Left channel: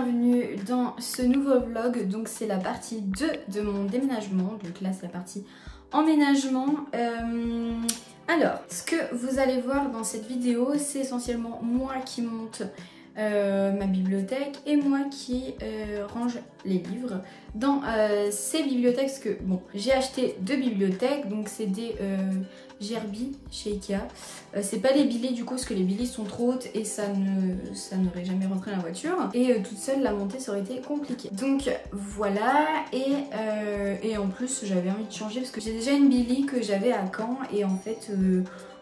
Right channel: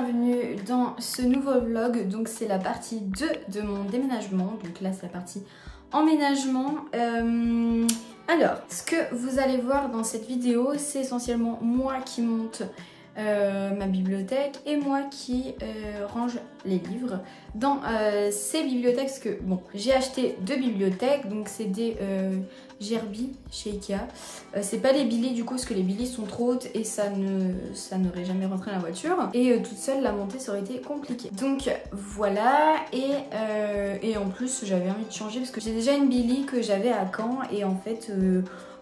bienvenue dans ce nouveau vlog. Donc c'est la partie 2 de mon déménagement. Donc là c'est la partie emménagement. Alors, ce que vous allez voir dans cette vidéo, c'est essentiellement moi qui monte ma bibliothèque et moi qui range les livres dans ces bibliothèques. Parce que bon, j'ai acheté 2 bibliothèques, donc c'est des Gerbi chez Ikea. C'est pas les Billy du coup, parce que les Billy sont trop hautes et ça n'aurait jamais rentré dans la voiture. Et toute seule, la montée ça aurait été compliqué. Donc voilà, et en plus j'avais envie de changer parce que j'ai déjà une Billy que j'avais à Caen et en fait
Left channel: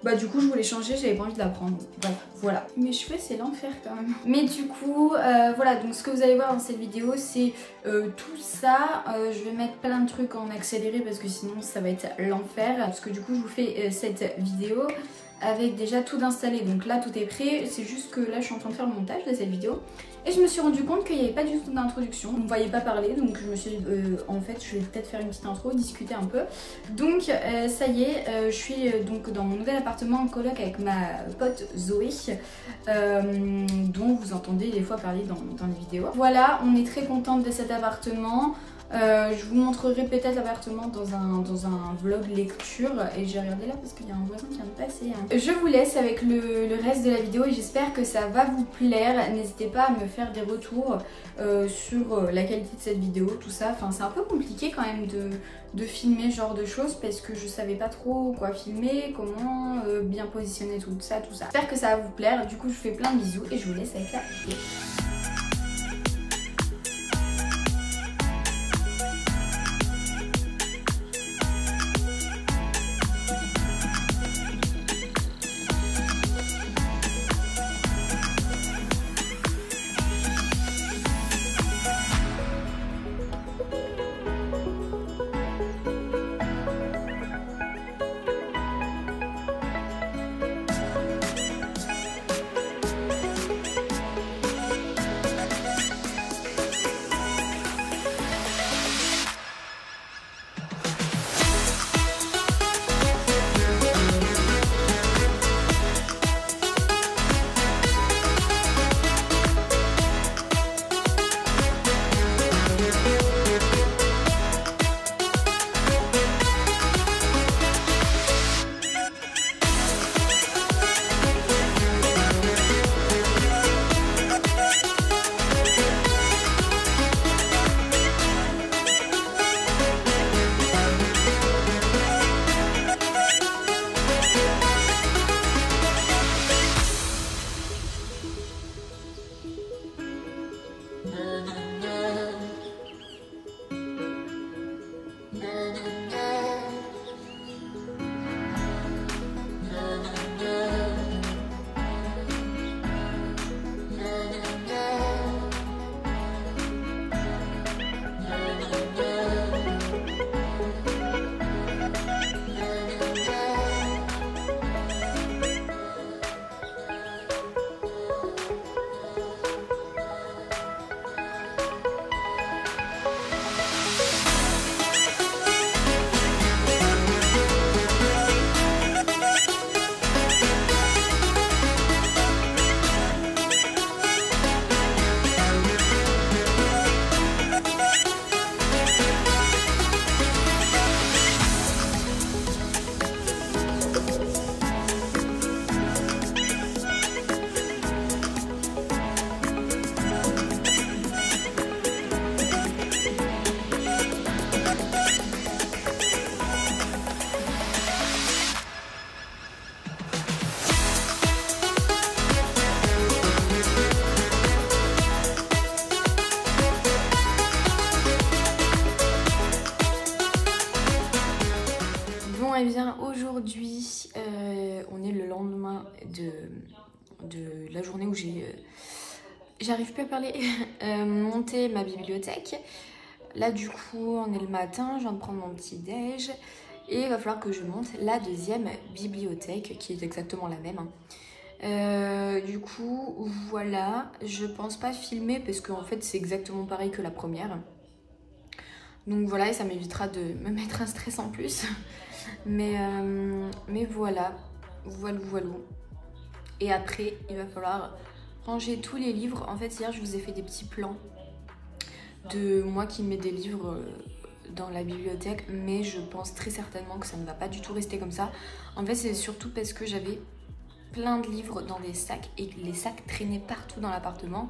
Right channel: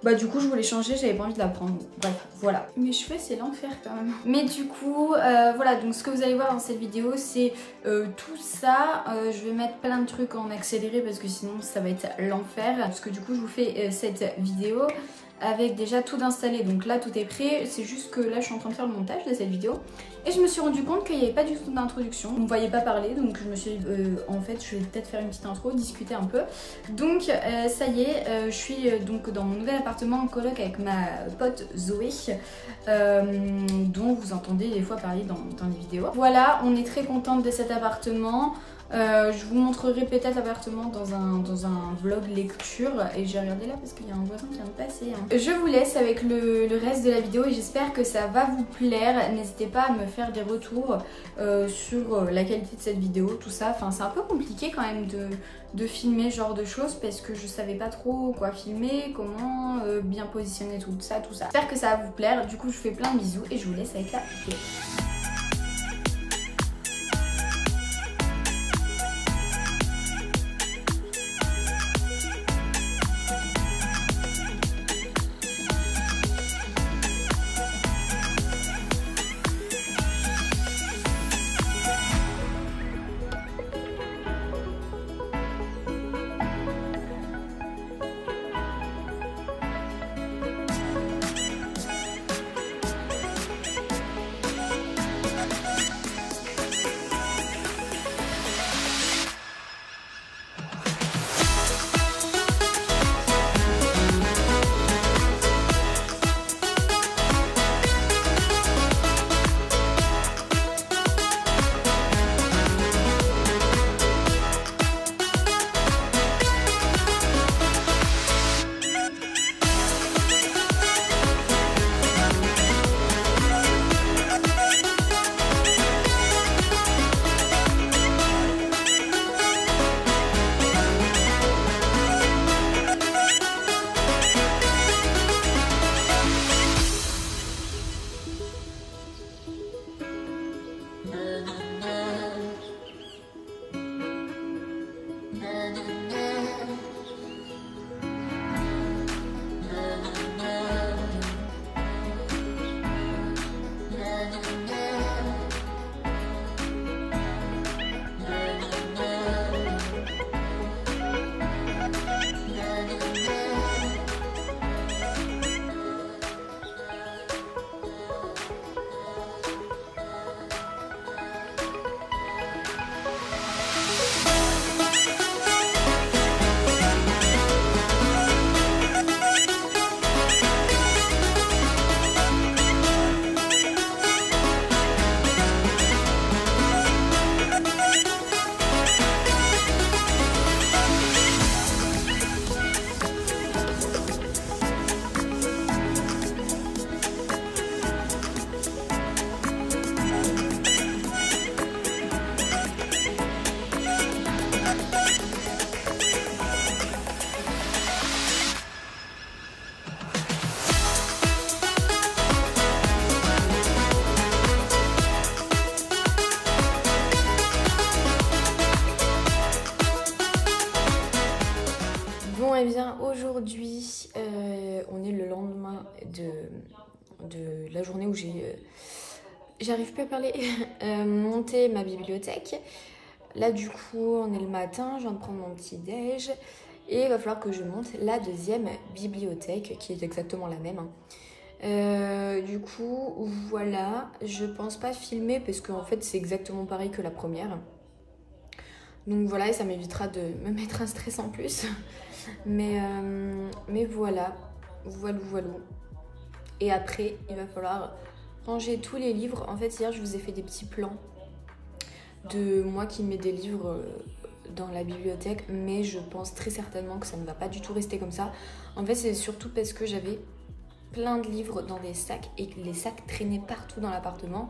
bah du coup je voulais changer, j'avais pas envie de la prendre. Bref, voilà. Mes cheveux c'est l'enfer quand même. Mais du coup voilà, donc ce que vous allez voir dans cette vidéo c'est tout ça. Je vais mettre plein de trucs en accéléré parce que sinon ça va être l'enfer. Parce que du coup je vous fais cette vidéo avec déjà tout d'installé. Donc là tout est prêt, c'est juste que là je suis en train de faire le montage de cette vidéo. Et je me suis rendu compte qu'il n'y avait pas du tout d'introduction. Vous ne me voyez pas parler, donc je me suis dit en fait je vais peut-être faire une petite intro, discuter un peu. Donc ça y est, je suis donc dans mon nouvel appartement en coloc avec ma pote Zoé, dont vous entendez des fois parler dans les vidéos. Voilà, on est très contente de cet appartement. Je vous montrerai peut-être l'appartement dans un vlog lecture. Et j'ai regardé là parce qu'il y a un voisin qui vient de passer. Je vous laisse avec le reste de la vidéo et j'espère que ça va vous plaire. N'hésitez pas à me faire des retours sur la qualité de cette vidéo, tout ça. Enfin, c'est un peu compliqué quand même de filmer ce genre de choses parce que je savais pas trop quoi filmer, comment bien positionner tout ça. J'espère que ça va vous plaire. Du coup, je vous fais plein de bisous et je vous laisse avec la vidéo. Eh bien aujourd'hui on est le lendemain de la journée où j'arrive plus à parler, monté ma bibliothèque. Là du coup on est le matin, je viens de prendre mon petit déj et il va falloir que je monte la deuxième bibliothèque qui est exactement la même. Du coup voilà, je pense pas filmer parce qu'en fait c'est exactement pareil que la première. Donc voilà, et ça m'évitera de me mettre un stress en plus. Mais voilà, voilà. Et après, il va falloir ranger tous les livres. En fait, hier, je vous ai fait des petits plans de moi qui mets des livres dans la bibliothèque, mais je pense très certainement que ça ne va pas du tout rester comme ça. En fait, c'est surtout parce que j'avais plein de livres dans des sacs et que les sacs traînaient partout dans l'appartement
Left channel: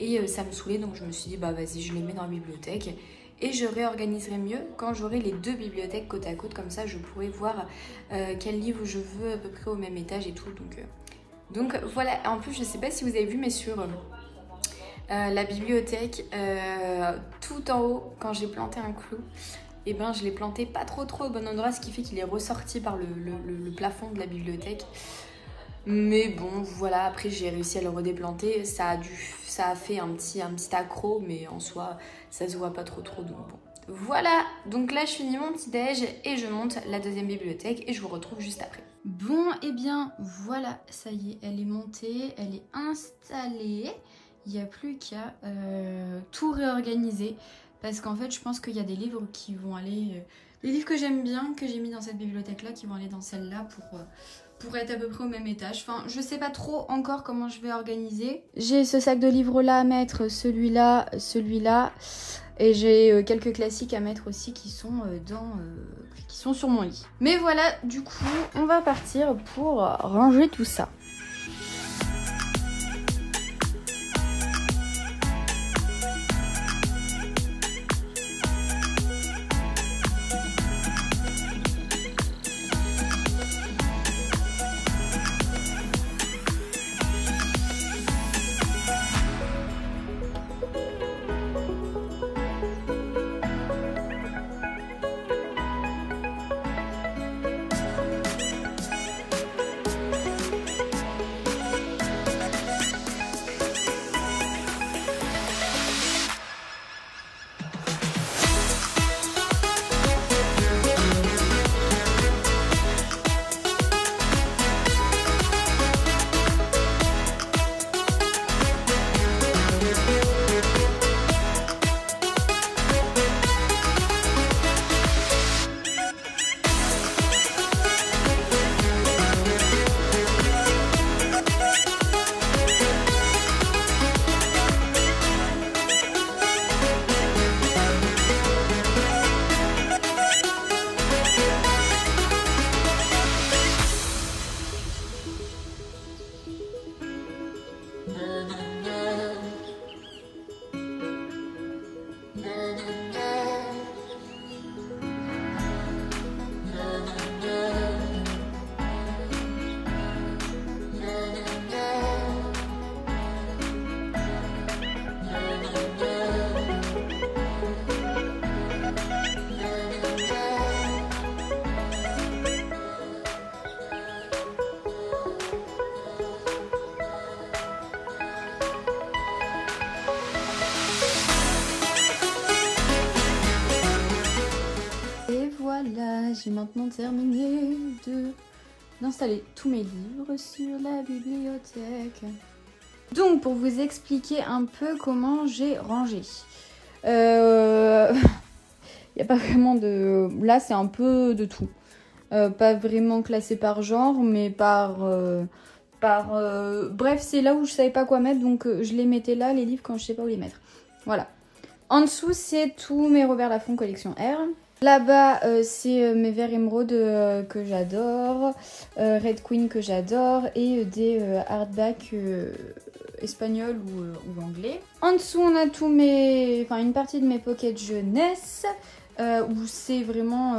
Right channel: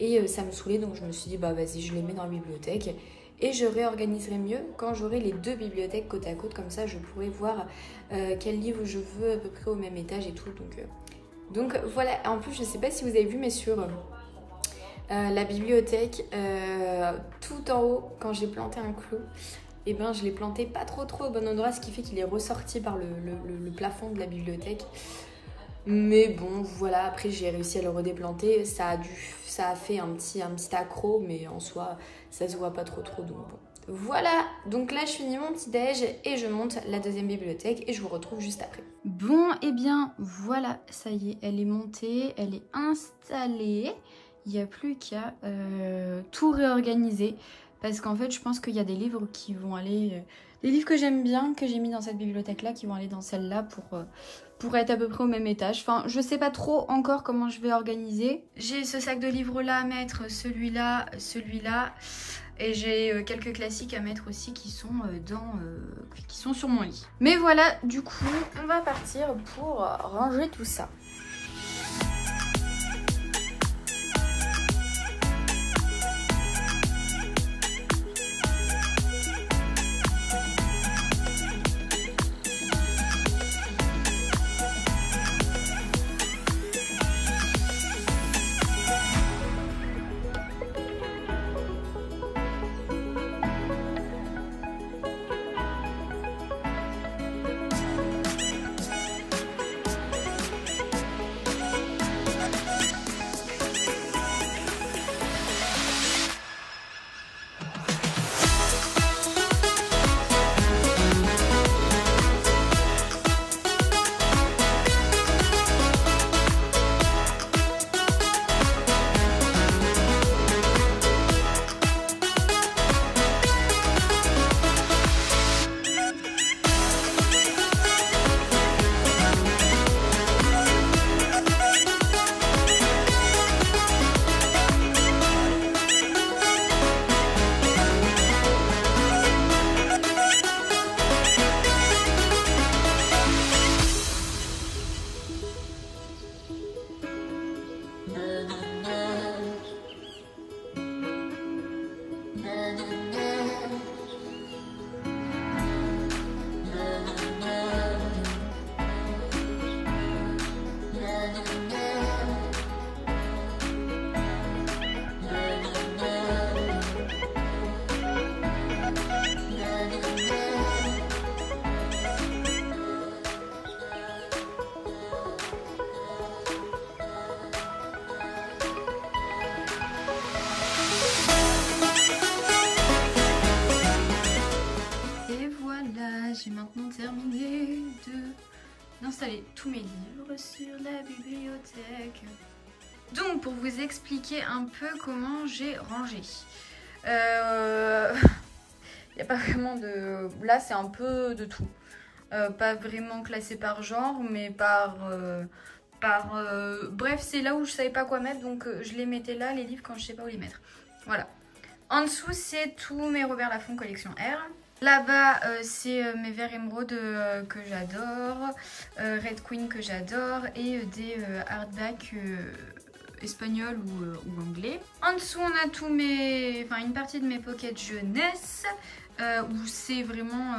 et ça me saoulait, donc je me suis dit bah vas-y, je les mets dans la bibliothèque et je réorganiserai mieux quand j'aurai les deux bibliothèques côte à côte, comme ça je pourrai voir quel livre je veux à peu près au même étage et tout. Donc voilà. En plus, je sais pas si vous avez vu, mais sur la bibliothèque, tout en haut, quand j'ai planté un clou, et ben je l'ai planté pas trop au bon endroit, ce qui fait qu'il est ressorti par le plafond de la bibliothèque. Mais bon, voilà, après j'ai réussi à le redéplanter. Ça a fait un petit accroc, mais en soi, ça se voit pas trop, donc bon. Voilà, donc là je finis mon petit déj et je monte la deuxième bibliothèque et je vous retrouve juste après. Bon, et bien voilà, ça y est, elle est montée, elle est installée. Il n'y a plus qu'à tout réorganiser. Parce qu'en fait, je pense qu'il y a des livres qui vont aller... des livres que j'aime bien, que j'ai mis dans cette bibliothèque-là, qui vont aller dans celle-là pour être à peu près au même étage. Enfin, je sais pas trop encore comment je vais organiser. J'ai ce sac de livres-là à mettre, celui-là, celui-là. Et j'ai quelques classiques à mettre aussi qui sont, qui sont sur mon lit. Mais voilà, du coup, on va partir pour ranger tout ça. Voilà, j'ai maintenant terminé d'installer tous mes livres sur la bibliothèque. Donc, pour vous expliquer un peu comment j'ai rangé. Il n'y a pas vraiment de... Là, c'est un peu de tout. Pas vraiment classé par genre, mais bref, c'est là où je savais pas quoi mettre, donc je les mettais là, les livres, quand je sais pas où les mettre. Voilà. En dessous, c'est tous mes Robert Laffont collection R. Là-bas, c'est mes verres émeraude que j'adore, Red Queen que j'adore et des hardbacks espagnols ou anglais. En dessous, on a tous une partie de mes pockets jeunesse où c'est vraiment,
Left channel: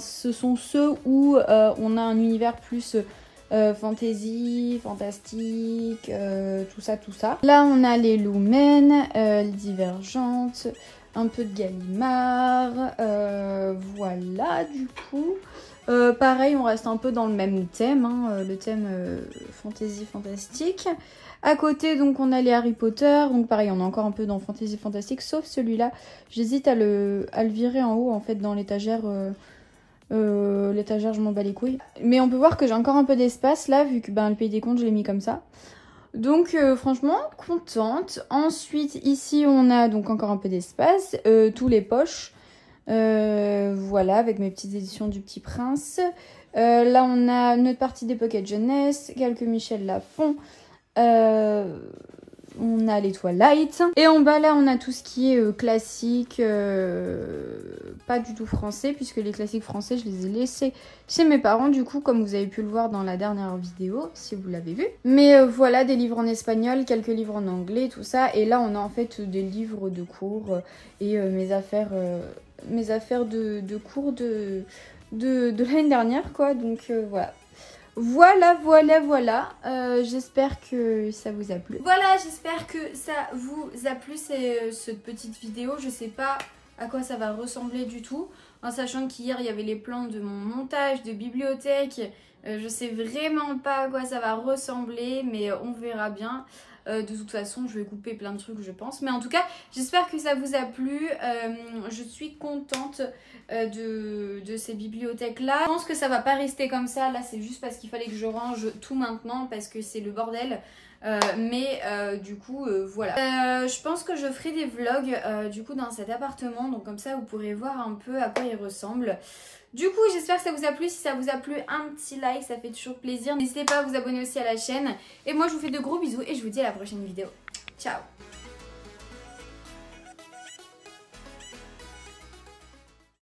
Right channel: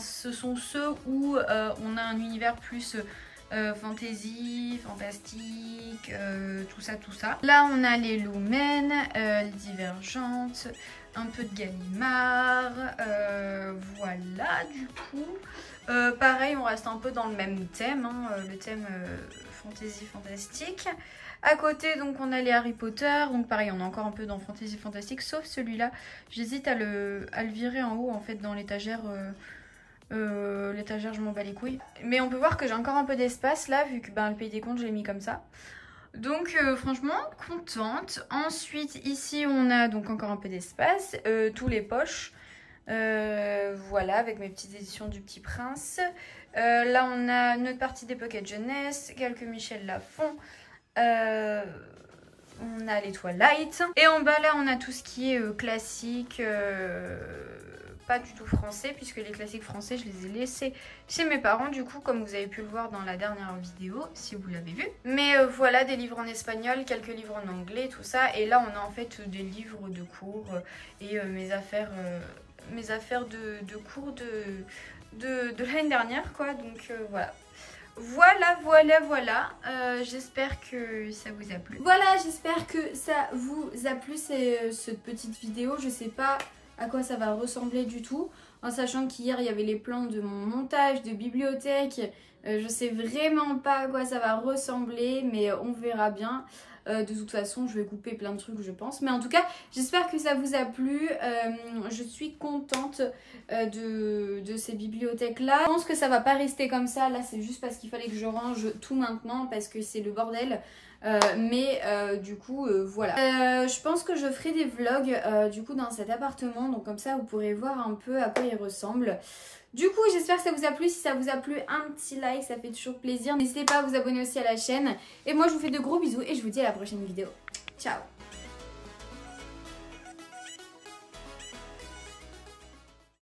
ce sont ceux où on a un univers plus fantasy, fantastique, tout ça. Là, on a les Lumen, les Divergentes, un peu de Gallimard, voilà du coup. Pareil, on reste un peu dans le même thème, hein, le thème fantasy fantastique. À côté, donc, on a les Harry Potter, donc pareil, on est encore un peu dans fantasy fantastique, sauf celui-là. J'hésite à le virer en haut, en fait, dans l'étagère. L'étagère, je m'en bats les couilles. Mais on peut voir que j'ai encore un peu d'espace là, vu que le Pays des Contes, je l'ai mis comme ça. Donc franchement contente. Ensuite ici on a donc encore un peu d'espace, tous les poches, voilà, avec mes petites éditions du Petit Prince. Là on a notre partie des pockets jeunesse, quelques Michel Laffont, on a les Twilight. Et en bas là on a tout ce qui est classique, pas du tout français, puisque les classiques français je les ai laissés chez mes parents du coup, comme vous avez pu le voir dans la dernière vidéo si vous l'avez vu. Mais voilà, des livres en espagnol, quelques livres en anglais, tout ça. Et là on a en fait des livres de cours et mes affaires de cours de l'année dernière quoi. Donc voilà. J'espère que ça vous a plu. Voilà, j'espère que ça vous a plu cette petite vidéo. Je sais pas à quoi ça va ressembler du tout, en sachant qu'hier il y avait les plans de mon montage de bibliothèque. Je sais vraiment pas à quoi ça va ressembler, mais on verra bien. De toute façon je vais couper plein de trucs je pense, mais en tout cas j'espère que ça vous a plu. Je suis contente de ces bibliothèques là. Je pense que ça va pas rester comme ça, là c'est juste parce qu'il fallait que je range tout maintenant parce que c'est le bordel. Du coup voilà, je pense que je ferai des vlogs du coup dans cet appartement, donc comme ça vous pourrez voir un peu à quoi il ressemble. Du coup j'espère que ça vous a plu. Si ça vous a plu, un petit like, ça fait toujours plaisir. N'hésitez pas à vous abonner aussi à la chaîne. Et moi je vous fais de gros bisous et je vous dis à la prochaine vidéo. Ciao.